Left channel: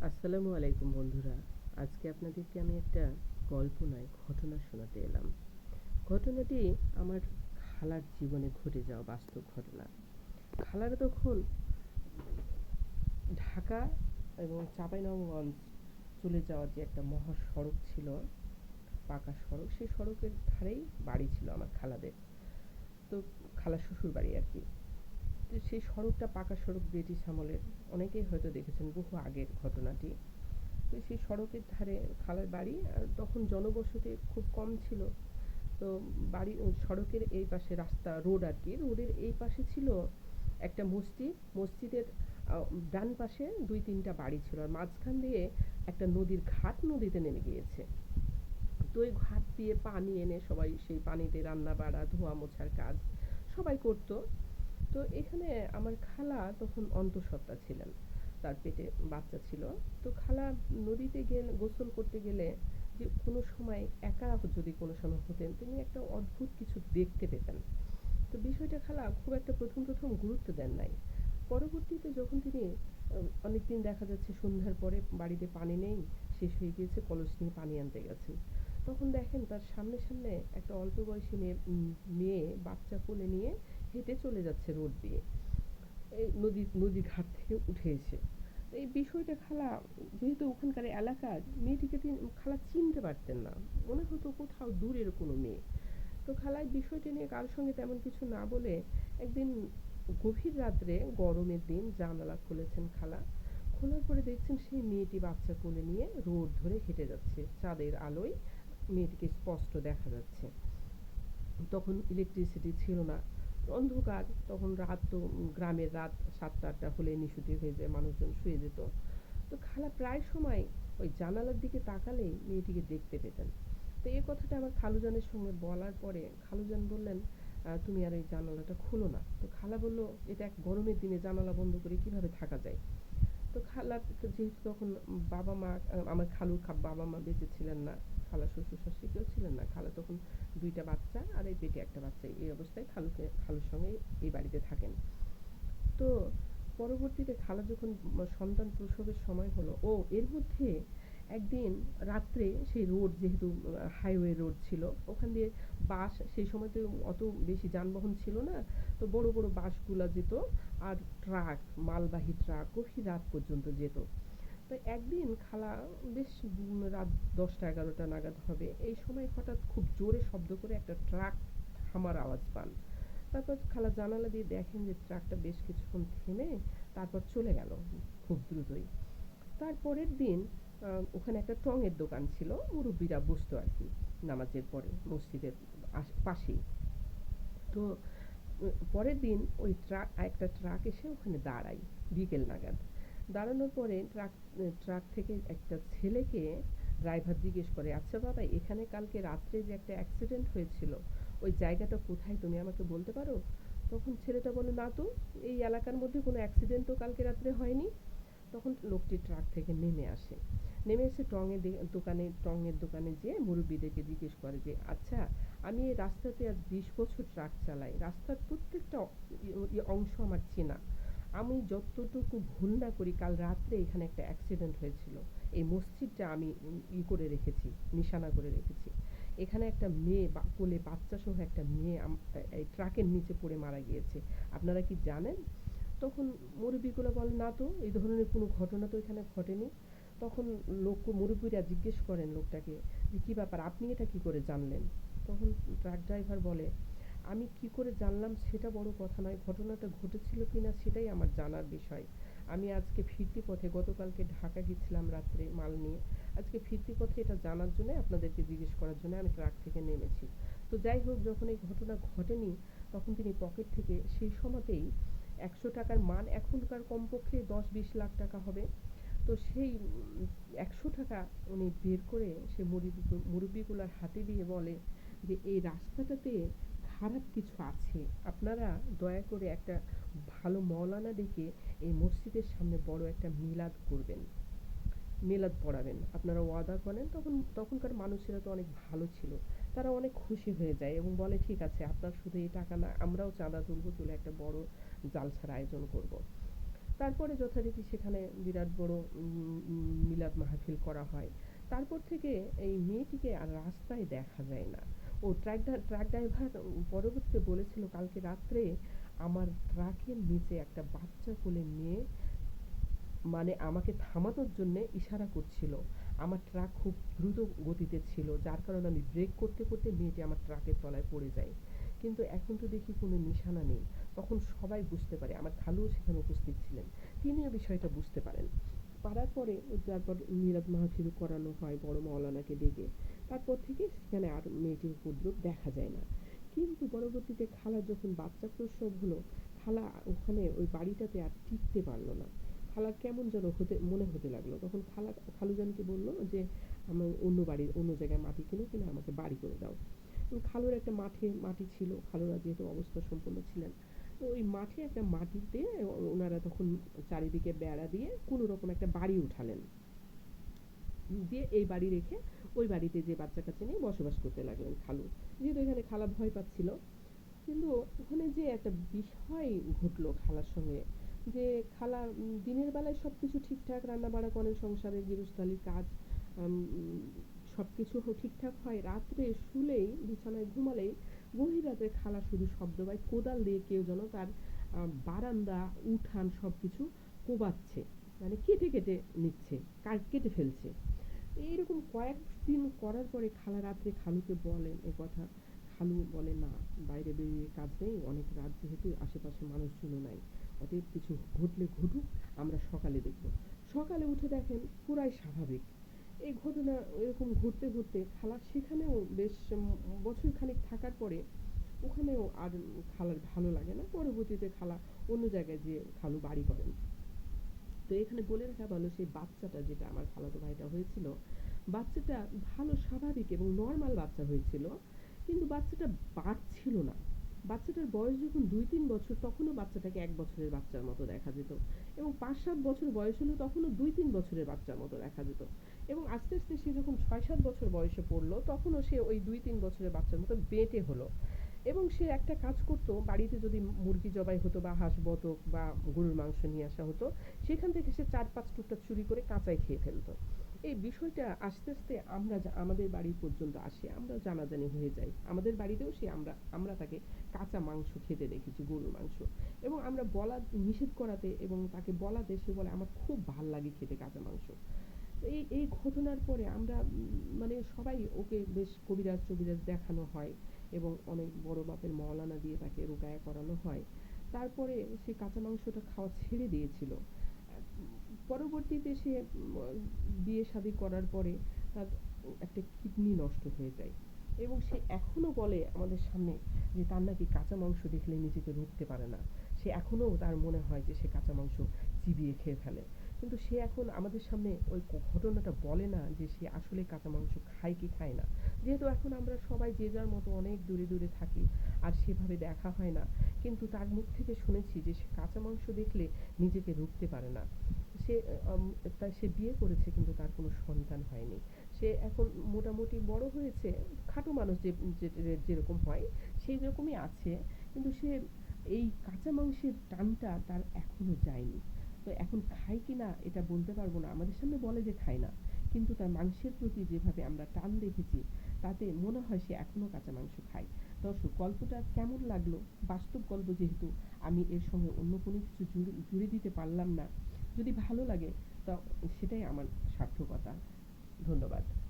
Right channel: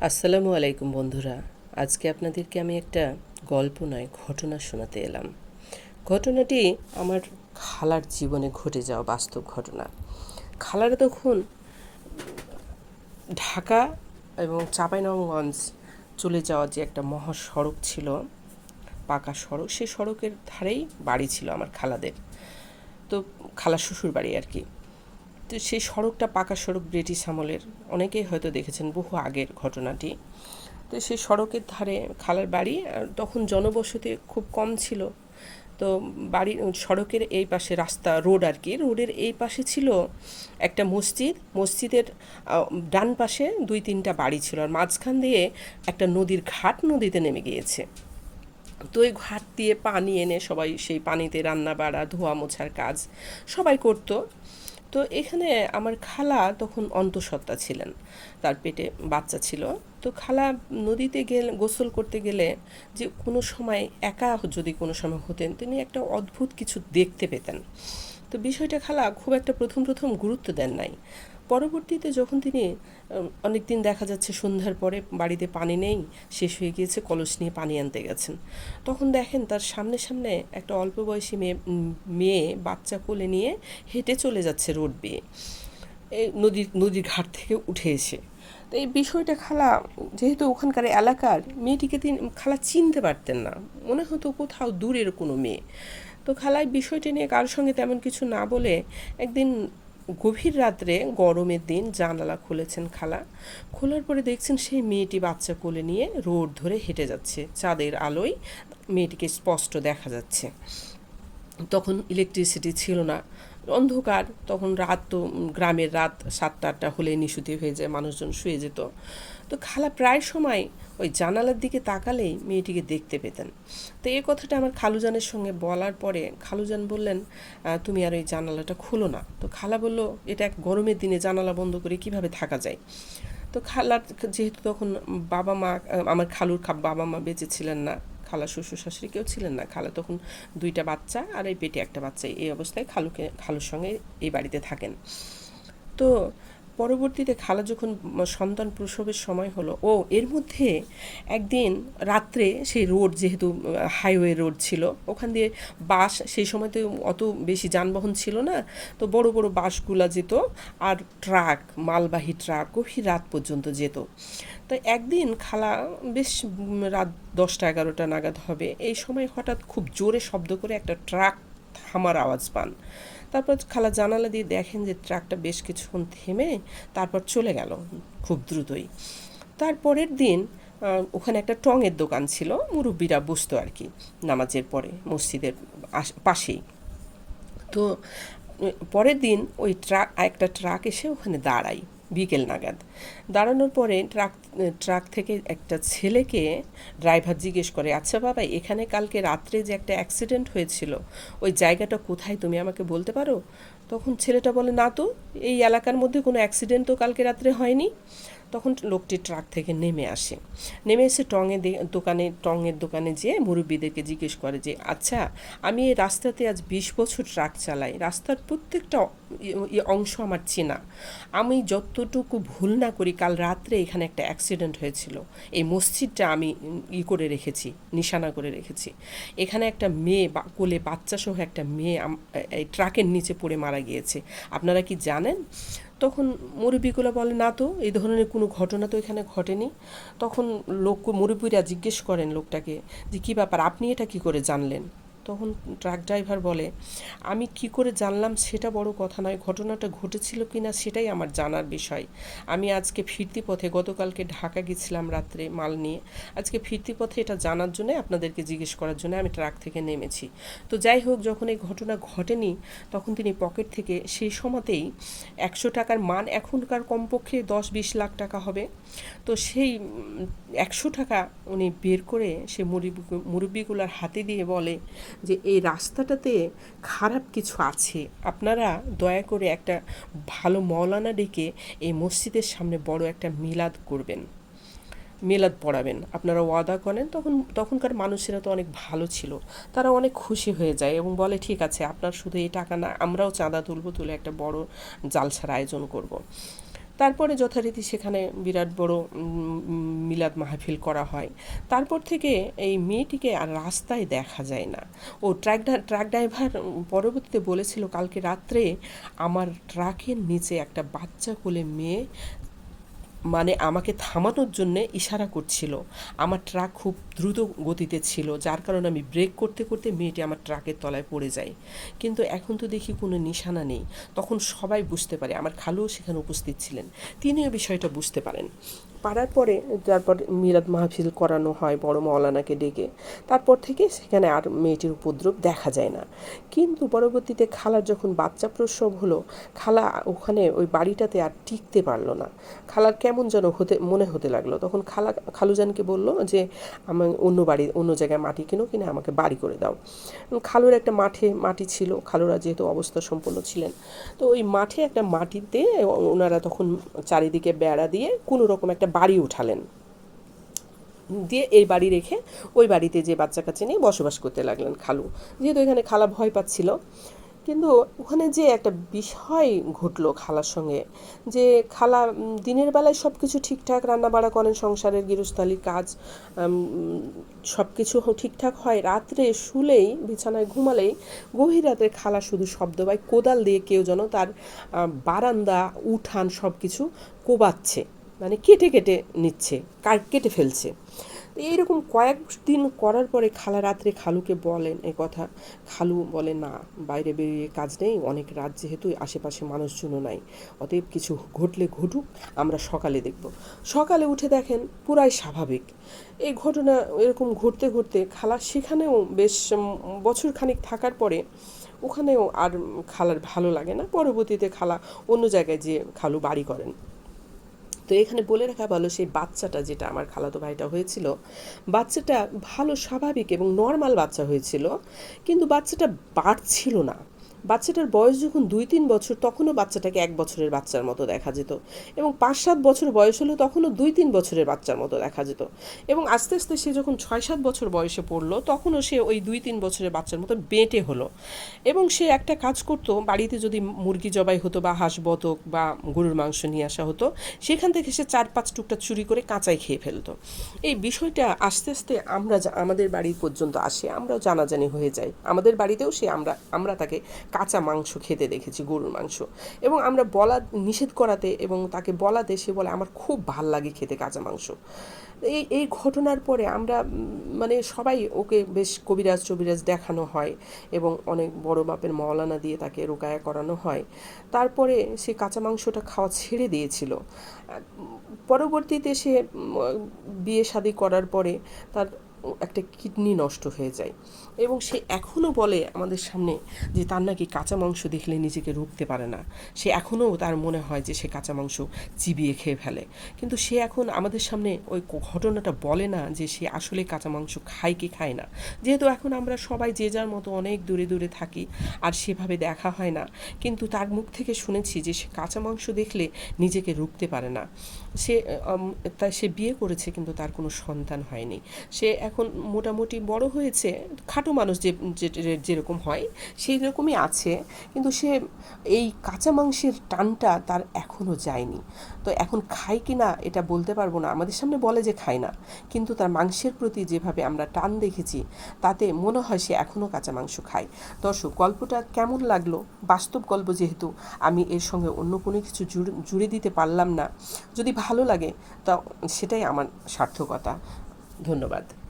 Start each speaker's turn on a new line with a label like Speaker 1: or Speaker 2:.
Speaker 1: আসসালামু আলাইকুম বন্ধুরা। আজকে আপনাদেরকে আমি একটা গল্প নয়, ঘটনা শোনাতে এলাম। ঘটনাটি আমার খালার জীবনে ঘটে যাওয়া বাস্তব ঘটনা। খালারা তখন ঢাকা এবং চাঁপাইনবাবগঞ্জ চলে যাওয়া যে একটা মহাসড়ক ছিল, পাকা সড়ক, সেই সড়কের ধারেই বাড়ি ছিল আমার খালাদের। তো খালা শ্বশুর বাড়ি আর কি। তো সেই সড়কটা পাকা সড়ক ব্রিটিশ আমলের। অনেকেই হয়তো দেখেছেন বহু আগের ঘটনাটি। তো সেই সড়কের ধারে খালার বাড়ি, আর তখন জনবসতি খুব কম ছিল। তো বাড়ি সড়কের এই পাশে রাস্তা, রোড আর কি। রোডের এই পাশে ছিল একটা মসজিদ। মসজিদের ডান পাশে দুই তিনটা বাড়ি ছিল। আর মাঝখান দিয়ে একটা নদীর ঘাট নদীতে নেমে গিয়েছে। তো ওই ঘাট দিয়ে পানি এনে সবাই সেই পানিতে রান্না বাড়া ধোয়া মোছার কাজ সবাই করতো। তো এখানে আমার খালা তখন অন্তঃসত্ত্বা ছিলেন। তার পেটে বাচ্চা ছিল। তো খালা নদীতে গেলে, গোসল করতে গেলে যে কোনো সময় একা যদি কোনো সময় হতেন, তিনি একটা অদ্ভুত কিছু দেখতে পেতেন। তো বিষয়টা খালা খুব একটা প্রথম প্রথম গুরুত্ব দেন নাই। পরবর্তীতে যখন তিনি অনেক দিন দেখা যাচ্ছে সন্ধ্যার পরে বাড়িতে পানি নেই, শেষ হয়ে গিয়েছে, কলস নিয়ে পানি আনতে গেছেন। তখন দেখেন তার সামনে সামনে একটা অল্প বয়সী মেয়ে মেয়ে বাচ্চা কোলে নিয়ে হেঁটে চলে যাচ্ছে রোড বেয়ে। এই নদীর নদীর ঘাট থেকে উঠে এসে। তো এই বিষয়টা খালা, যেহেতু ওখানকার এলাকার, মেয়েটিকে তিনি, খালা চিনতে পারতেন না। মনে হতো কোথাও দূরের কোনো মেয়ে। তো খালায় বিষয়টি নিয়ে কারোর সঙ্গে তেমন কিছু না বলে একদিন গভীর রাত্রে গরমের দিন জানালা খুলেছেন খালা। খোলার পরে দেখছেন সেই মেয়েটি বাচ্চা কোলে নিয়ে রোড ধরে হেঁটে যাচ্ছে। চাঁদের আলোয় মেয়েটিকে স্পষ্ট দেখা যাচ্ছে। তখন ইলেকট্রিসিটি ছিল না। অন্ধকার, তখন রাত তো গ্রামের রাত সাতটা আটটা হলে নিশুতি হয়ে যায়, মানুষজন শুয়ে যেত। তো খালা প্রায় সময় ওই জানালার দিকে তাকালেই মেয়েটিকে দেখতে পেতেন। তো এই কথাটা আমার খালুজানের সঙ্গে বলার পরে খালুজান বললেন তুমি আর ওই জানালাটা খুলো না। তো খালা বলল, এটা এক গরমের দিনে জানালা বন্ধ করে কীভাবে থাকা যায়? তো খালার যেহেতু তখন বাবা মা আমার খালুর বাবা মা বেঁচে ছিলেন না খালা শ্বশুর শাশুড়ি কেউ ছিলেন না। খালা তখন দুইটা বাচ্চা আর এই পেটে একটা বাচ্চা। এই অবস্থায় খালুকে, খালুর সঙ্গে এই বাড়িতে থাকেন। তো পরবর্তীতে খালা যখন সন্তান প্রসবের সময় হলো, ও এর মধ্যে একদিন রাত্রে সেই রোড যেহেতু হাইওয়ে রোড ছিল, ওখান দিয়ে বাস, সেই সময় তো অত বেশি যানবাহন ছিল না, তো বড় বড় বাসগুলা যেত আর ট্রাক, মালবাহী ট্রাক গভীর রাত পর্যন্ত যেত। তো একদিন খালা বেশ রাত দশটা, এগারোটা নাগাদ হবে। এই সময় হঠাৎ খুব জোরে শব্দ করে একটা ট্রাক থামার আওয়াজ পান। তারপর খালা জানালা দিয়ে দেখেন যে ট্রাকটা বেশ কিছুক্ষণ থেমে তারপর চলে গেল খুব দ্রুতই। তারপরের দিন ওখানে একটা টঙের দোকান ছিল, মুরব্বীরা বসতো আর কি নামাজের পরে মসজিদের পাশেই। তো পরের দিন ওই ট্রাক একটা ট্রাক এসে ওখানে দাঁড়ায়। বিকেল নাগাদ। দাঁড়ানোর পরে ট্রাক ট্রাক থেকে একটা ছেলেকে ড্রাইভার জিজ্ঞেস করে আচ্ছা বাবা, এখানে কালকে রাত্রে যে একটা অ্যাক্সিডেন্ট হয়েছিল, ওই জায়গাটা কোথায়? তুমি আমাকে বলতে পারো? তখন ছেলেটা বলে, না তো, এই এলাকার মধ্যে কোনো অ্যাক্সিডেন্ট তো কালকে রাত্রে হয়নি। তখন লোকটি ট্রাক থেকে নেমে আসে। নেমে এসে টঙে দোকানে, টঙের দোকানে যেয়ে মুরব্বীদেরকে জিজ্ঞেস করে যে আচ্ছা আমি এই রাস্তাতে আজ বিশ বছর ট্রাক চালাই। রাস্তার প্রত্যেকটা অংশ আমার চেনা। আমি যতটুকু ভুল না করি, কাল রাত্রে এখানে একটা অ্যাক্সিডেন্ট হয়েছিল। এই মসজিদটা আমি ই করে রেখেছি, নিশানা করে রেখেছি। এখানে একটা মেয়ে বা কোলে বাচ্চা সহ একটা মেয়ে এই ট্রাকের নিচে পড়ে মারা গিয়েছে। আপনারা কি জানেন? তখন মুরব্বীগুলো বলে, না তো, এই ধরনের কোনো ঘটনা তো এখানে ঘটেনি। তখন লোক মুরব্বীরা জিজ্ঞেস করেন লোকটাকে যে, কী ব্যাপার? আপনি এটা কি করে জানলেন? তখন ট্রাক ড্রাইভার বলে, আমি কি করে জানলাম সেটা বড় কথা নয়, ঘটনাটা ঘটেছিল কি না সেটাই আমার জানার বিষয়। আমি আজকে ফিরতি পথে, গতকালকে ঢাকা গেছিলাম রাত্রে মাল নিয়ে। আজকে ফিরতি পথে এটা জানার জন্য আপনাদেরকে জিজ্ঞেস করার জন্য আমি ট্রাক থেকে নেমেছি। তো যাই হোক, যখন এই ঘটনা ঘটেনি, তখন তিনি পকেট থেকে সেই সময়তেই একশো টাকার মান এখনকার কমপক্ষে দশ বিশ লাখ টাকা হবে। তো সেই একশো টাকা উনি বের করে সে মুরব্বী মুরব্বীগুলার হাতে দিয়ে বলে যে এই রাস্তাটাতে খারাপ কিছু আছে, আপনারা দয়া করে একটা ভালো মৌলানা ডেকে এই মসজিদের সামনে বড় একটা মিলাদ করবেন। মেলাদ পড়াবেন। আপনারা ওয়াদা করেন, তখন, তখনকার মানুষেরা তো অনেক ভালো ছিল। তারা অনেক খুশি হয়ে যায় এবং বলে, ঠিক আছে, আপনার শুধু এই টাকা না, আমরাও চাঁদা তুলবো, তুলে একটা বড় জালসার আয়োজন করব। তারপরে যথারীতি সেখানে বিরাট বড় মিলাদ মাহফিল করা হয়। তারপর থেকে এই মেয়েটিকে আর রাস্তায় দেখা যায় না। ও ট্রাক ট্রাক ড্রাইভার পরবর্তীতে বলেছিল, কালকে রাত্রে আমার ট্রাকের নিচে একটা বাচ্চা কোলে মেয়ে মানে আমাকে থামানোর জন্যে ইশারা করছিল। আমার ট্রাক খুব দ্রুত গতিতে ছিল, যার কারণে আমি ব্রেক করতে করতে মেয়েটি আমার ট্রাকের তলায় পড়ে যায়। কিন্তু এখন তো দেখি কোনো নিশানা নেই। তখন সবাই বুঝতে পারে, আমার খালুও সেখানে উপস্থিত ছিলেন। তিনিও বিষয়টা বুঝতে পারেন। পারার পরে তারপর মিলাদ মাহফিল করানো হয় বড় মৌলানাকে ডেকে। তারপর থেকে সেখানে আর মেয়েটির উপদ্রব দেখা যায় না। কিন্তু পরবর্তীতে খালার যখন বাচ্চা প্রসব হলো, খালা ওখানে ওই বাড়িটাতে আর টিকতে পারল না। খালার কেমন যেন হতে, মনে হতে লাগল। তখন খালা, খালুজানকে বলল যে আমার অন্য বাড়ি, অন্য জায়গায় মাটি কিনো, কিনে আমাকে বাড়ি করে দাও। খালুর একটা মাঠে, মাটি ছিল। খালুরা যেহেতু অবস্থা সম্পন্ন ছিলেন। তো ওই মাঠে একটা মাটিতে ওনারা তখন চারিদিকে বেড়া দিয়ে কোনো রকম একটা বাড়ি উঠালেন। দিয়ে এই বাড়ি রেখে ওই বাড়িতে যে বাচ্চা কাচ্চা নিয়ে বসবাস করতে লাগলেন খালু। যেহেতু এখানে খালা ভয় পাচ্ছিল, কিন্তু ওখানে যে একটা বিষয় ঘটলো খালার সঙ্গে, যে খালা দিনের বেলায় সব কিছু ঠিকঠাক রান্না বাড়া করেন, সংসারের গৃহস্থালির কাজ সব কিছু ঠিকঠাক হয়, রাত্রে শুলেই, বিছানায় ঘুমালেই গভীর রাতে খালা শুধু শব্দ পায় কোদাল দিয়ে কেউ যেন তার বারান্দা, উঠান সব কিছু কোবাচ্ছে। মানে কেটে কেটে নিচ্ছে, কার, কেটে ফেলছে। এইরকম কয়েকদিন করার পরে খালা রাত্রে খালুকে বলেন এ কথা। খালু বলে না, বাইরে বেরিয়ে কাজ নেই, অনেক রাত যেহেতু আশেপাশে মানুষজনও নাই। অতএব কিছু ঘটলে ঘটুক, আমরা সকালে দেখব। সকালে উঠে দেখেন পুরাই স্বাভাবিক। এই ঘটনা এরকম ঘটতে ঘটতে খালা সেখানেও বেশ বছর খানিক থাকার পরে ওখানেও আর খালার ভালো লাগে না। পরবর্তীতে খালা অন্য জায়গায় যেয়ে খালু বাড়ি করেন। তো এখানে বলে রাখা ভালো সেই বাচ্চাটা যেটা আমার খালাতো ভাইটা হয়েছিল, বাচ্চাটা ভালো স্বাভাবিক এবং নর্মাল বাচ্চা হয়েছিল, কিন্তু বাচ্চাটা বাড়ছিল না। বাচ্চাটার বয়স যখন দুই তিন বছর, তখনও বাচ্চাটাকে এক বছরের বাচ্চার মতো দেখা যেত এবং পাঁচ সাত বছর বয়স হলো তখনও দুই তিন বছরের বাচ্চার মতো দেখা যেত এবং আস্তে আস্তে সে যখন ছয় সাত বছর বয়সে পড়ল, তখনও সে ওই দুই তিন বছরের বাচ্চার মতো বেঁটে হলো এবং সে একটা কাজ করতো, বাড়িতে যদি মুরগি জবাই হতো বা হাঁস বতক বা গরুর মাংস নিয়ে আসা হতো, সেখান থেকে সে চার পাঁচ টুকটা চুরি করে কাঁচাই খেয়ে ফেলতো। এই বিষয়টা আস্তে আস্তে আমরা আমাদের বাড়ি পর্যন্ত আসে, আমরাও জানাজানি হয়ে যাই। আমাদের বাড়িতেও সে, আমরা আমরা তাকে কাঁচা মাংস খেতে দেখেছি, গরুর মাংস। এবং আমরা বলা, নিষেধ করাতে এবং তাকে বলাতে সে বলে, আমার খুব ভালো লাগে খেতে কাঁচা মাংস। এই এই ঘটনার পরে আমরা মানে সবাই ওকে বেশ কবিরাজ টবিরাজ দেখানো হয় এবং অনেক বড় মাপের মওলানা দিয়ে তাকে রোকায়া করানো হয়। তারপরে সে কাঁচা মাংসটা খাওয়া ছেড়ে দিয়েছিল। পরবর্তীতে সে বিয়ে শাদি করার পরে তার একটা কিডনি নষ্ট হয়ে যায়। এবং সে এখনও বলে আমাদের সামনে যে তার নাকি কাঁচা মাংস দেখলে নিজেকে রুখতে পারে না। সে এখনও তার মনে হয় যে সে কাঁচা মাংস চিবিয়ে খেয়ে ফেলে। কিন্তু সে এখন আমাদের সামনে ওই ঘটনাটা বলে না যে সে আসলে কাঁচা মাংস খায় কি খায় না। যেহেতু এখন আমরা সবাই যে যার মতো অনেক দূরে দূরে থাকি, আর সেভাবে দেখা হয় না। কিন্তু তার মুখ থেকে শুনেছি যে সে কাঁচা মাংস দেখলে নিজেকে রুখতে পারে না। সে তা সে বিয়ে করেছে কিন্তু তার কোনো সন্তান হয়নি। সে এখন মোটামুটি বড় হয়েছে, খাটো মানুষ যে যেরকম হয় সেই রকমই আছে। কিন্তু সে এই কাঁচা মাংসের টানটা তার এখনও যায়নি। তো এখন খায় কি না, এটা বলতে পারব না। আমাদের সামনে বলে যে খায় না। কিন্তু তার মাংসের প্রতি যেভাবে আমরা টান দেখেছি, তাতে মনে হয় সে এখনও কাঁচা মাংস খায়। দর্শক, গল্পটা কেমন লাগল? বাস্তব গল্প যেহেতু, আমি এর সঙ্গে অন্য কোনো কিছু জুড়ে দিতে পারলাম না। যদি ভালো লাগে, তা সেটাই আমার সার্থকতা। ধন্যবাদ।